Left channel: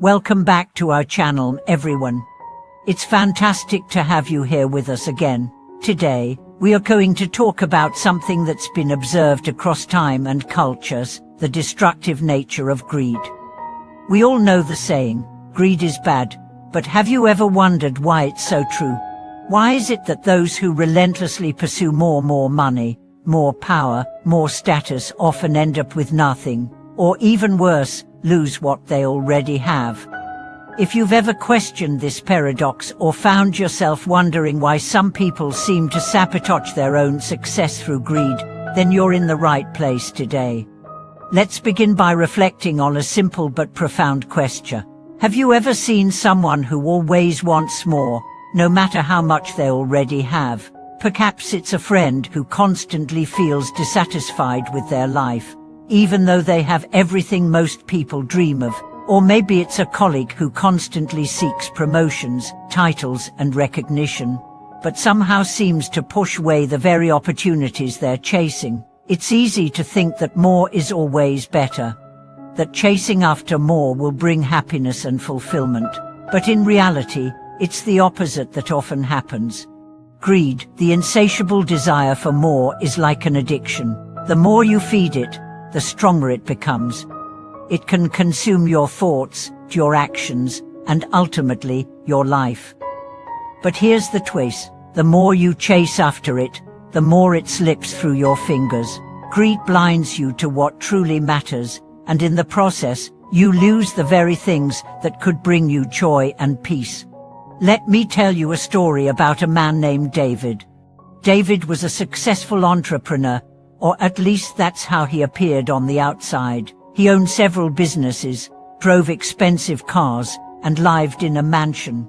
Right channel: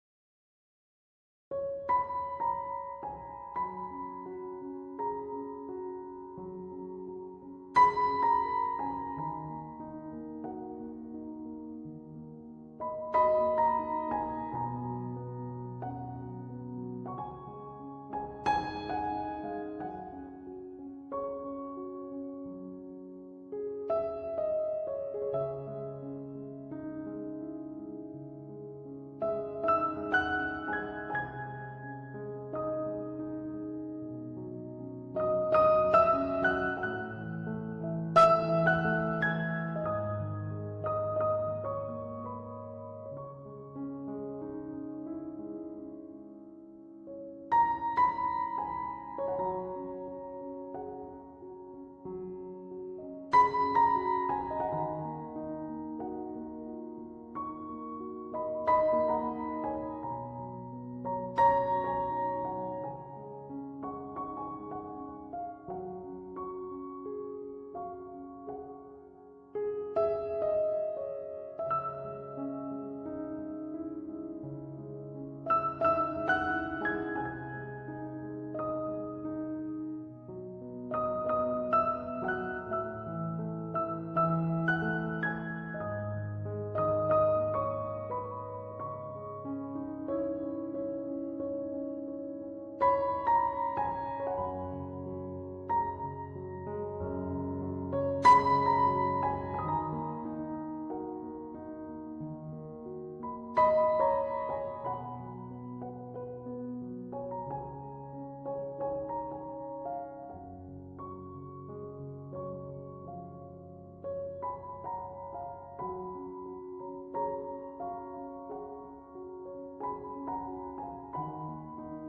Welcome back to our channel, everyone. It's fantastic to have you here with us again. Today, we are going to talk about something that's been observed across time and cultures, the destructive nature of greed. We all know the saying, greed is bad, but have you ever wondered why it's so true? Why is it that those who relentlessly pursue more money, more power, more status often end up with nothing, or even worse, lose what they already have? If you've ever questioned this paradox or found yourself wondering why some people seem to sabotage their own success through greed, then you're in the right place today. Let's begin by reflecting on a simple but profound question. Have you ever seen someone who always wants more, no matter how much they already have? Perhaps it's a friend who constantly feels dissatisfied with their life, even though they have everything most people dream of. Or maybe it's a colleague who constantly seeks promotions, titles, and recognition, but somehow seems to push away the very opportunities they're chasing. It's easy to think that more is always better, that chasing after more will bring happiness and fulfillment. But in reality, it's the opposite that often happens. Greed, the insatiable desire for more, is like an addiction. The more you feed it, the stronger it becomes. It can consume your thoughts, your actions, and ultimately, your life. But here's the twist. The more you chase after it, the more it slips through your fingers. Greed blinds you to what truly matters, and in the process, you lose the very things that could bring you joy and peace. Let me tell you a story about a man named David. David was a successful entrepreneur, or at least that's how he appeared on the outside. He owned several businesses, drove expensive cars, and lived in a mansion.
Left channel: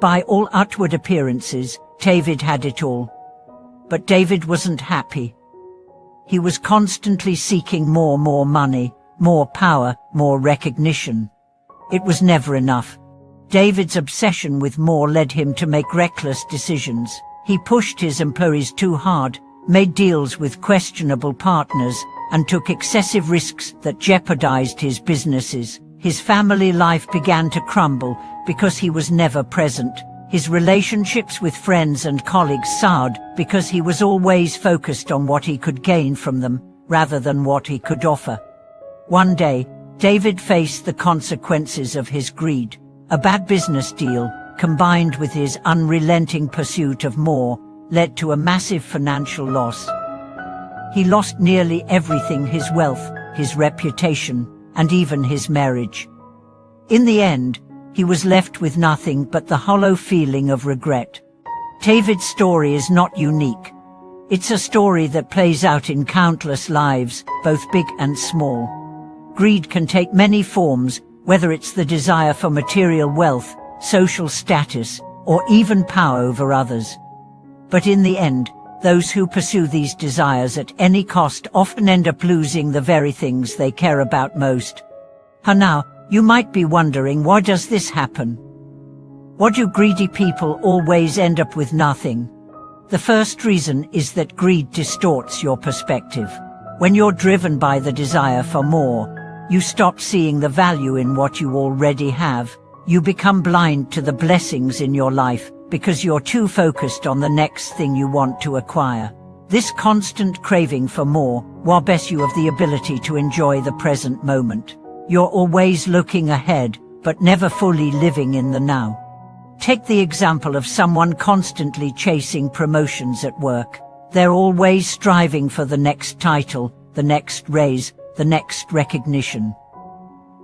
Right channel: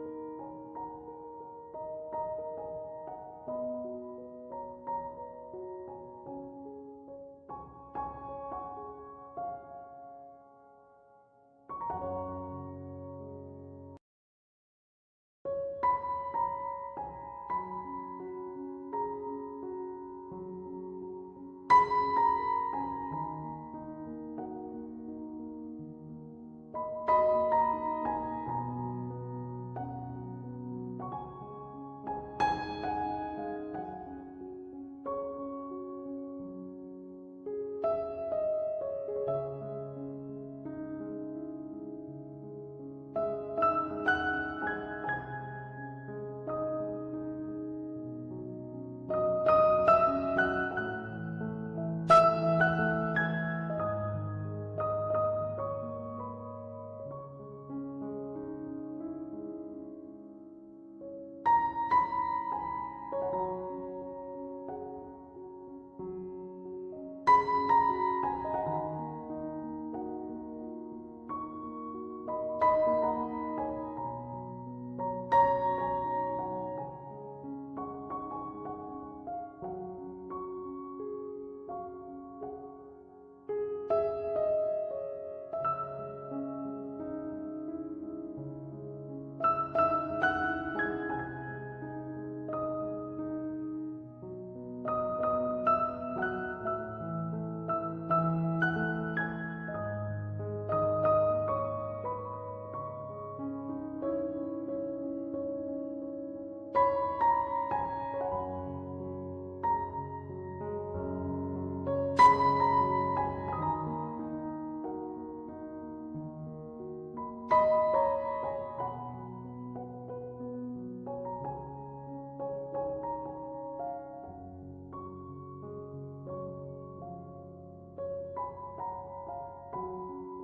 By all outward appearances, David had it all. But David wasn't happy. He was constantly seeking more money, more power, more recognition. It was never enough. David's obsession with more led him to make reckless decisions. He pushed his employees too hard, made deals with questionable partners, and took excessive risks that jeopardized his businesses. His family life began to crumble because he was never present. His relationships with friends and colleagues soured because he was always focused on what he could gain from them, rather than what he could offer. One day, David faced the consequences of his greed. A bad business deal, combined with his unrelenting pursuit of more, led to a massive financial loss. He lost nearly everything: his wealth, his reputation, and even his marriage. In the end, he was left with nothing but the hollow feeling of regret. David's story is not unique. It's a story that plays out in countless lives, both big and small. Greed can take many forms, whether it's the desire for material wealth, social status, or even power over others. But in the end, those who pursue these desires at any cost often end up losing the very things they care about most. Now, you might be wondering, why does this happen? Why do greedy people always end up with nothing? The first reason is that greed distorts your perspective. When you're driven by the desire for more, you stop seeing the value in what you already have. You become blind to the blessings in your life, because you're too focused on the next thing you want to acquire. This constant craving for more robs you of the ability to enjoy the present moment. You're always looking ahead, but never fully living in the now. Take the example of someone constantly chasing promotions at work. They're always striving for the next title, the next raise, the next recognition.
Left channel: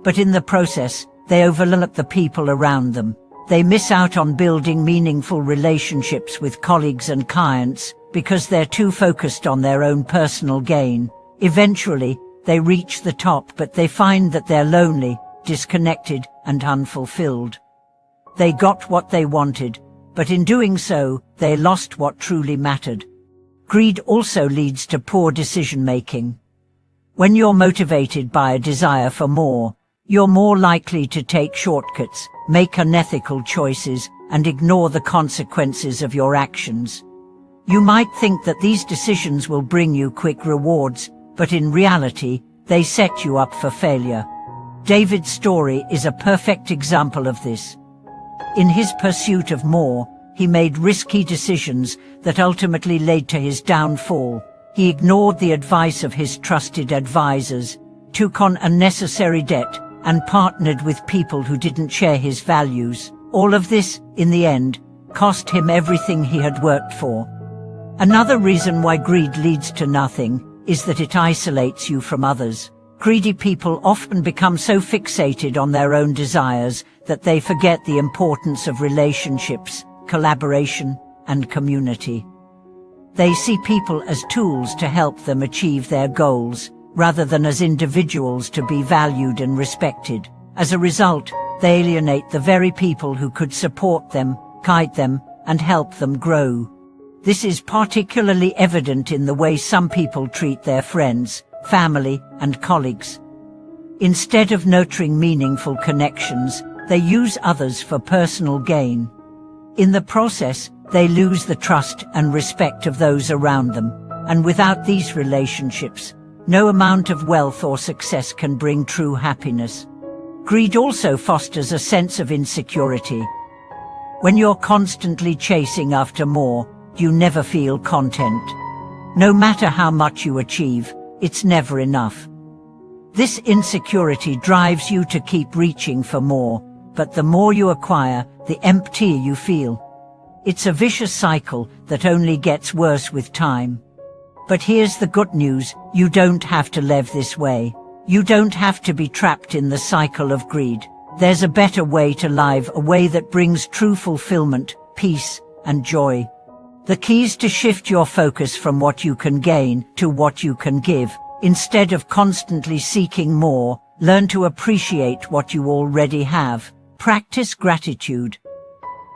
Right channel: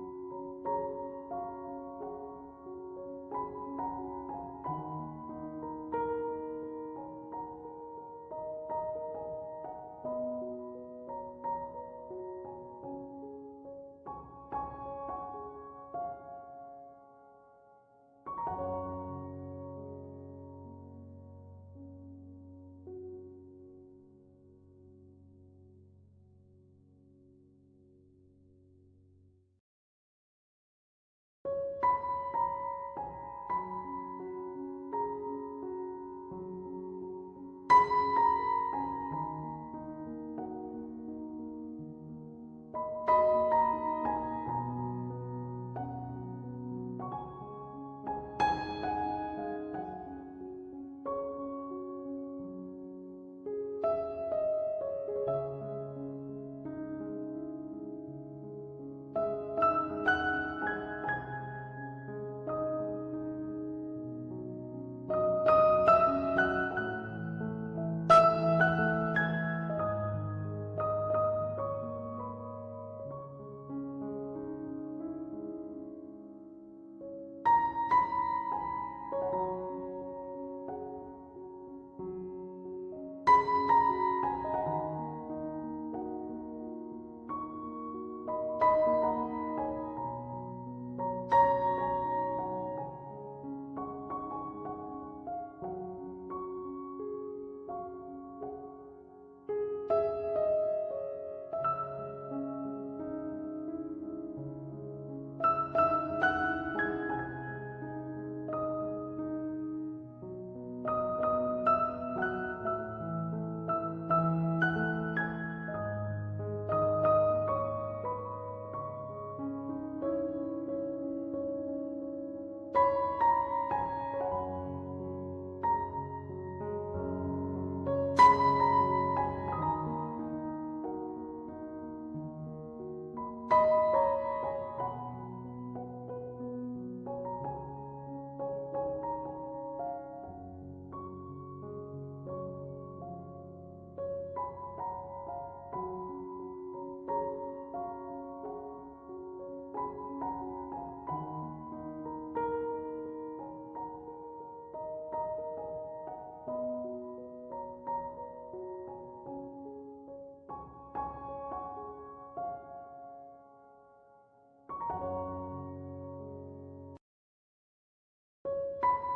But in the process, they overlook the people around them. They miss out on building meaningful relationships with colleagues and clients because they're too focused on their own personal gain. Eventually, they reach the top, but they find that they're lonely, disconnected, and unfulfilled. They got what they wanted, but in doing so, they lost what truly mattered. Greed also leads to poor decision-making. When you're motivated by a desire for more, you're more likely to take shortcuts, make unethical choices, and ignore the consequences of your actions. You might think that these decisions will bring you quick rewards, but in reality, they set you up for failure. David's story is a perfect example of this. In his pursuit of more, he made risky decisions that ultimately led to his downfall. He ignored the advice of his trusted advisors, took on unnecessary debt, and partnered with people who didn't share his values. All of this, in the end, cost him everything he had worked for. Another reason why greed leads to nothing is that it isolates you from others. Greedy people often become so fixated on their own desires that they forget the importance of relationships, collaboration, and community. They see people as tools to help them achieve their goals, rather than as individuals to be valued and respected. As a result, they alienate the very people who could support them, guide them, and help them grow. This is particularly evident in the way some people treat their friends, family, and colleagues. Instead of nurturing meaningful connections, they use others for personal gain. In the process, they lose the trust and respect of those around them, and without these relationships, no amount of wealth or success can bring true happiness. Greed also fosters a sense of insecurity. When you're constantly chasing after more, you never feel content. No matter how much you achieve, it's never enough. This insecurity drives you to keep reaching for more, but the more you acquire, the emptier you feel. It's a vicious cycle that only gets worse with time. But here's the good news: you don't have to live this way. You don't have to be trapped in the cycle of greed. There's a better way to live, a way that brings true fulfillment, peace, and joy. The key is to shift your focus from what you can gain to what you can give. Instead of constantly seeking more, learn to appreciate what you already have. Practice gratitude.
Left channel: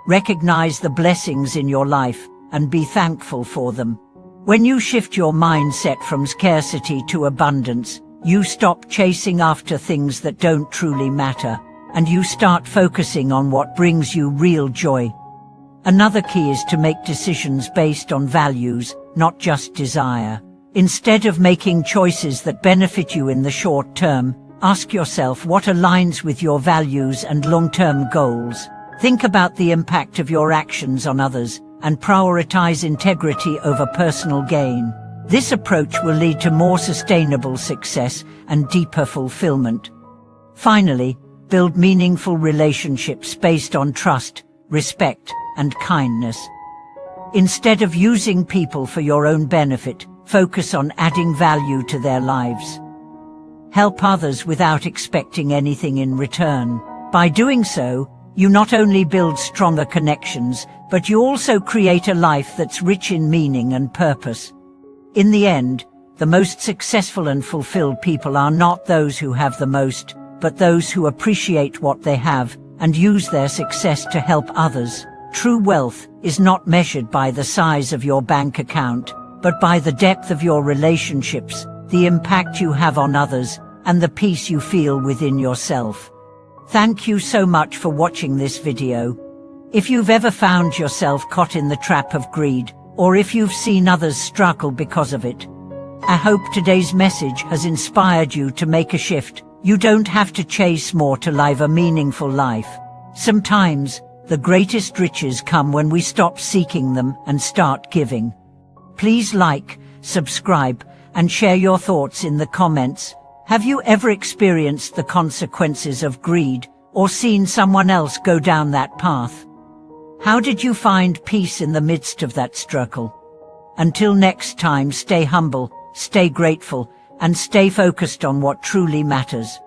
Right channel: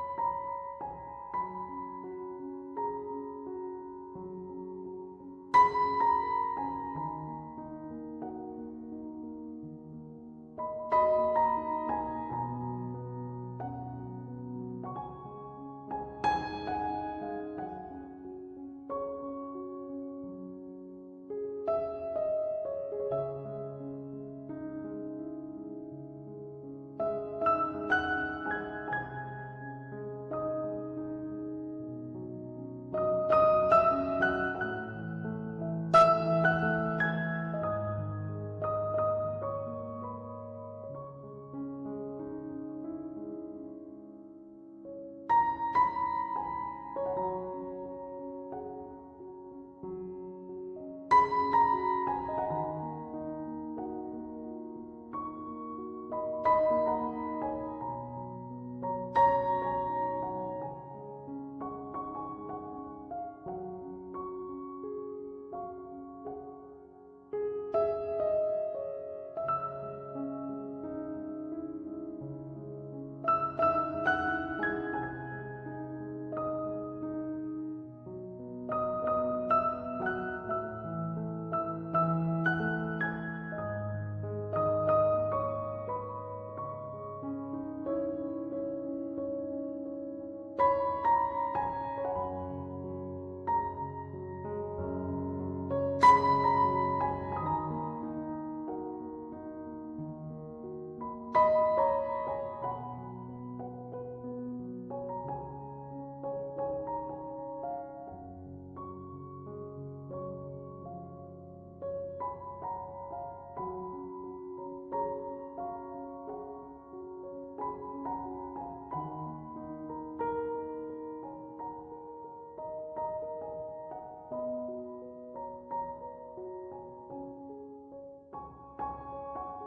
Recognize the blessings in your life and be thankful for them. When you shift your mindset from scarcity to abundance, you stop chasing after things that don't truly matter, and you start focusing on what brings you real joy. Another key is to make decisions based on values, not just desire. Instead of making choices that benefit you in the short term, ask yourself what aligns with your values and long-term goals. Think about the impact of your actions on others and prioritize integrity over personal gain. This approach will lead to more sustainable success and deeper fulfillment. Finally, build meaningful relationships based on trust, respect, and kindness. Instead of using people for your own benefit, focus on adding value to their lives. Help others without expecting anything in return. By doing so, you not only build stronger connections, but you also create a life that's rich in meaning and purpose. In the end, the most successful and fulfilled people are not those who have the most, but those who appreciate what they have and use their success to help others. True wealth is not measured by the size of your bank account, but by the depth of your relationships, the impact you have on others, and the peace you feel within yourself. Thank you so much for watching this video. If you've ever found yourself caught in the trap of greed, or if you've seen others struggle because of it, I hope today's message has inspired you to make a shift. You don't have to chase more to live a meaningful life. Sometimes, the greatest riches come when we stop seeking them and start giving. Please like, subscribe, and share your thoughts in the comments. Have you ever experienced the consequences of greed, or seen someone else go down that path? How did you find peace in the midst of that struggle? Until next time, stay humble, stay grateful, and stay focused on what truly matters.